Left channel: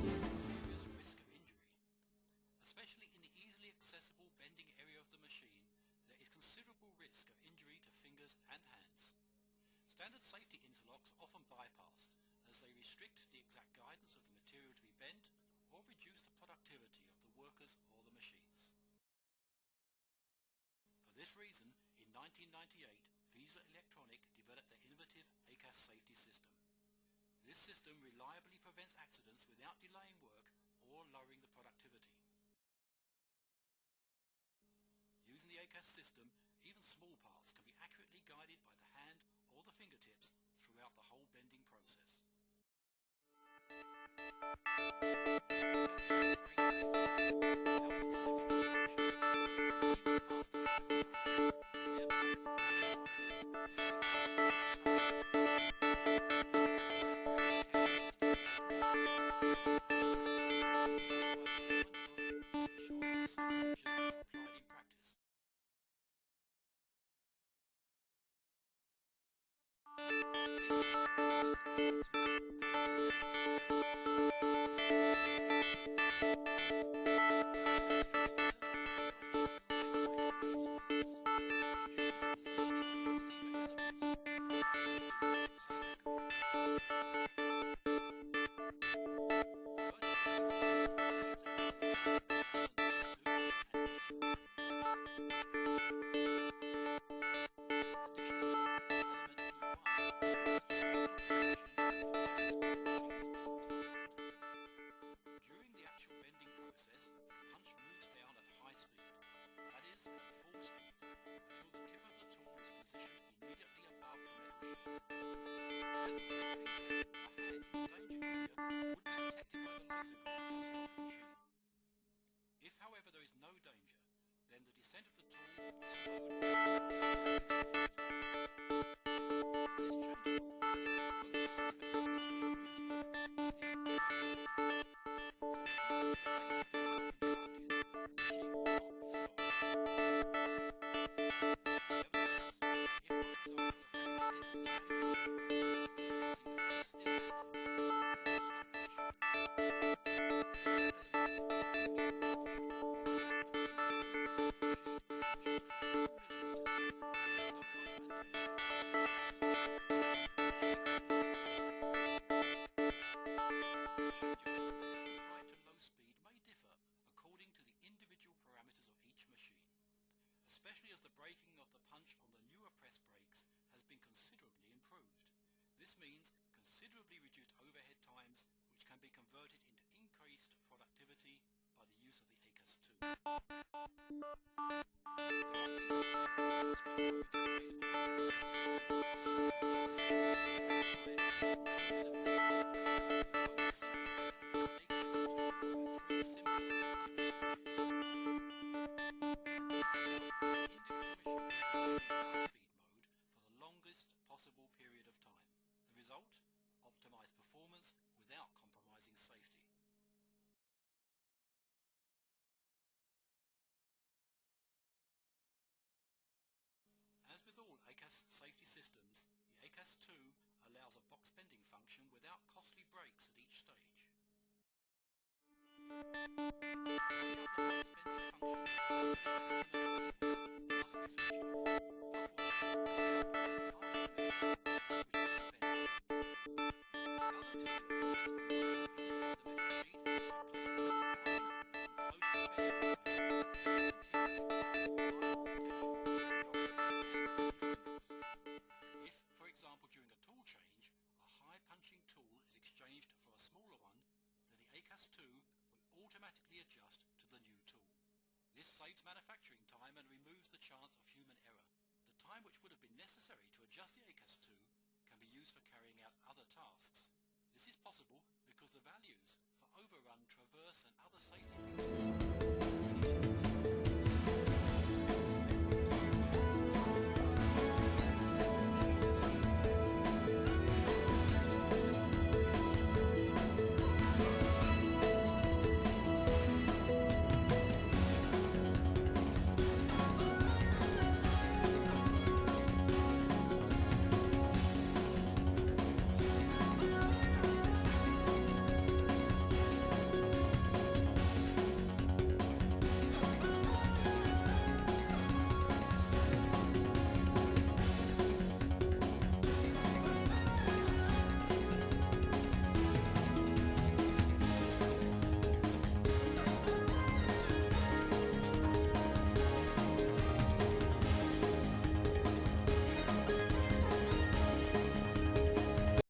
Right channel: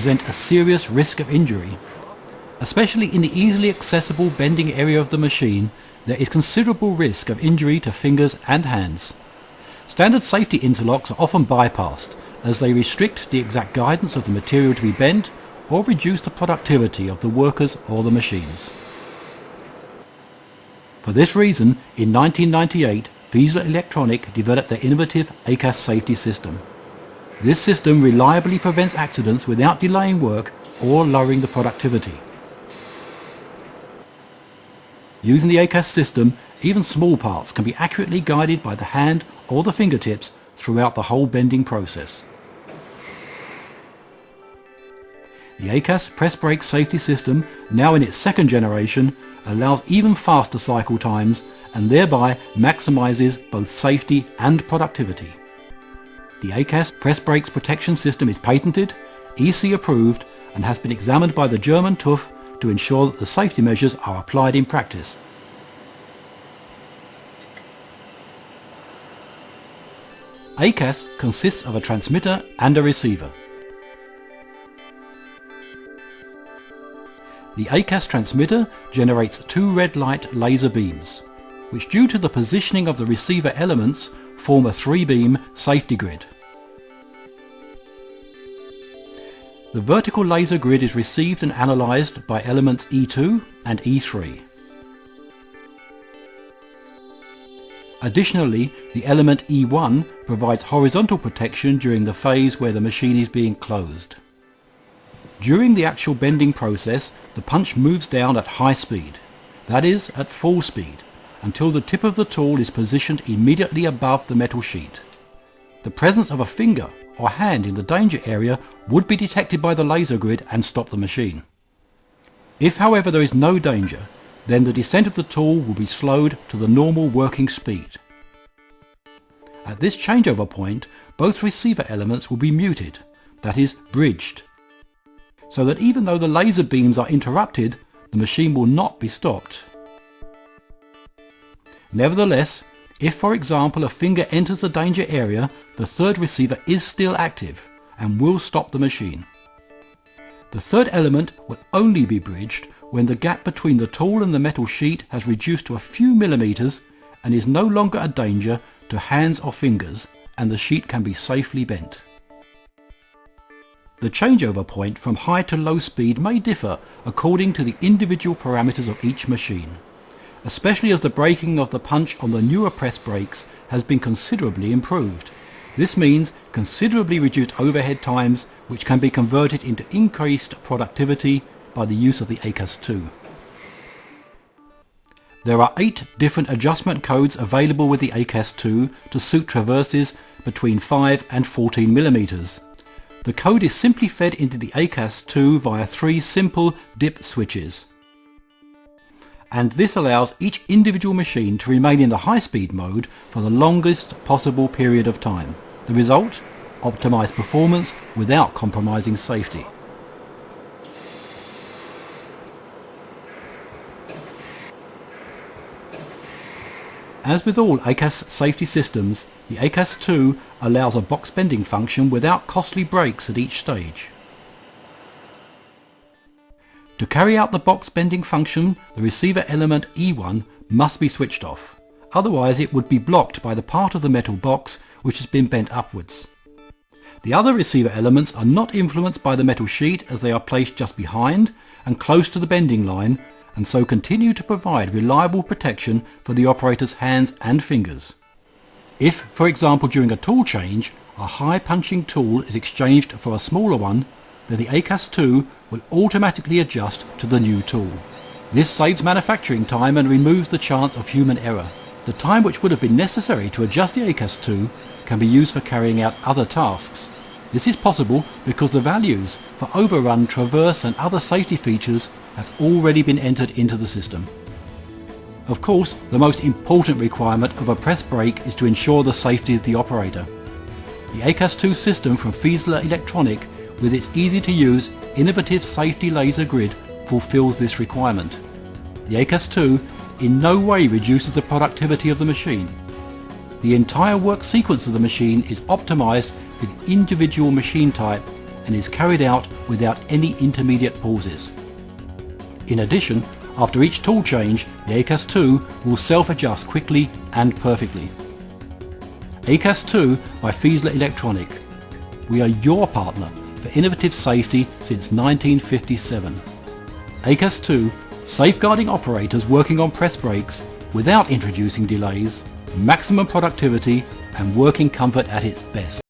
present a serious risk of injury. Especially in the easily accessible bending area of the machine, there is considerable risk of injury to fingers and hands. Standard safety interlocks are often bypassed as they restrict the exact guidance of the material to be bent or reduce the productivity of the workers or the machines. For this reason, in 1998, Versatility developed their innovative ACAS safety system. This system reliably prevents accidents without delaying work or lowering the productivity. Using the ACAS system, even small parts can be accurately guided by the hand or the fingertips throughout the whole bending process. The ACAS press brake safety system, now in its second generation, allows even faster cycle times and thereby maximizes both safety and productivity. The ACAS press brakes protection system is patented, EC approved, and has been examined by the German TÜV to ensure that the safety measures are applied in practice. ACAS consists of a transmitter and a receiver. The ACAS transmitter generates two red light laser beams, which due to the positioning of the receiver elements form a 3-beam safety grid. The vertical laser grid is received and analysed by elements E2 and E3. Additionally, the element E1 provides horizontal protection during the phase where the machine is being closed. During the actual bending process, the punch moves down at high speed, that is, at full speed, until the tip of the tool is positioned immediately above the metal sheet. The presence of a finger or hand in the danger area would be detected by the laser grid and stop the machine. If, however, there is no danger, then the descent of the tool will be slowed to the normal working speed. At this changeover point, both receiver elements will be muted, that is, bridged, so that even though the laser beams are interrupted, the machine will not be stopped. Nevertheless, if for example a finger enters the danger area, the third receiver is still active and will stop the machine. The third element will only be bridged when the gap between the tool and the metal sheet has reduced to a few millimeters and is no longer a danger to hands or fingers, and the sheet can be safely bent. The changeover point from high to low speed may differ according to the individual parameters of each machine, especially as the braking of the punch on the newer press brakes has been considerably improved. This means considerably reduced overhead times, which can be converted into increased productivity by the use of the ACAS 2. There are 8 different adjustment codes available with the ACAS 2 to suit traverses between 5 and 14 millimeters. The code is simply fed into the ACAS 2 via 3 simple dip switches, and this allows each individual machine to remain in the high-speed mode for the longest possible period of time. The result? Optimized performance without compromising safety. As with all ACAS safety systems, the ACAS 2 allows a box bending function without costly brakes at each stage. To carry out the box bending function, the receiver element E1 must be switched off, otherwise it would be blocked by the part of the metal box which has been bent upwards. The other receiver elements are not influenced by the metal sheet as they are placed just behind and close to the bending line, and so continue to provide reliable protection for the operator's hands and fingers. If, for example, during a tool change, a high punching tool is exchanged for a smaller one, then the ACAS 2 will automatically adjust to the new tool. This saves manufacturing time and removes the chance of human error. The time which would have been necessary to adjust the ACAS 2 can be used for carrying out other tasks. This is possible because the values for overrun, traverse and other safety features have already been entered into the system. Of course, the most important requirement of a press brake is to ensure the safety of the operator. The ACAS 2 system from Versatility, with its easy-to-use, innovative safety laser grid, fulfills this requirement. The ACAS 2 in no way reduces the productivity of the machine. The entire work sequence of the machine is optimized with individual machine type and is carried out without any intermediate pauses. In addition, after each tool change, the ACAS 2 will self-adjust quickly and perfectly. ACAS 2 by Fiesler Electronic. We are your partner for innovative safety since 1957. ACAS 2, safeguarding operators working on press brakes without introducing delays, maximum productivity and working comfort at its best.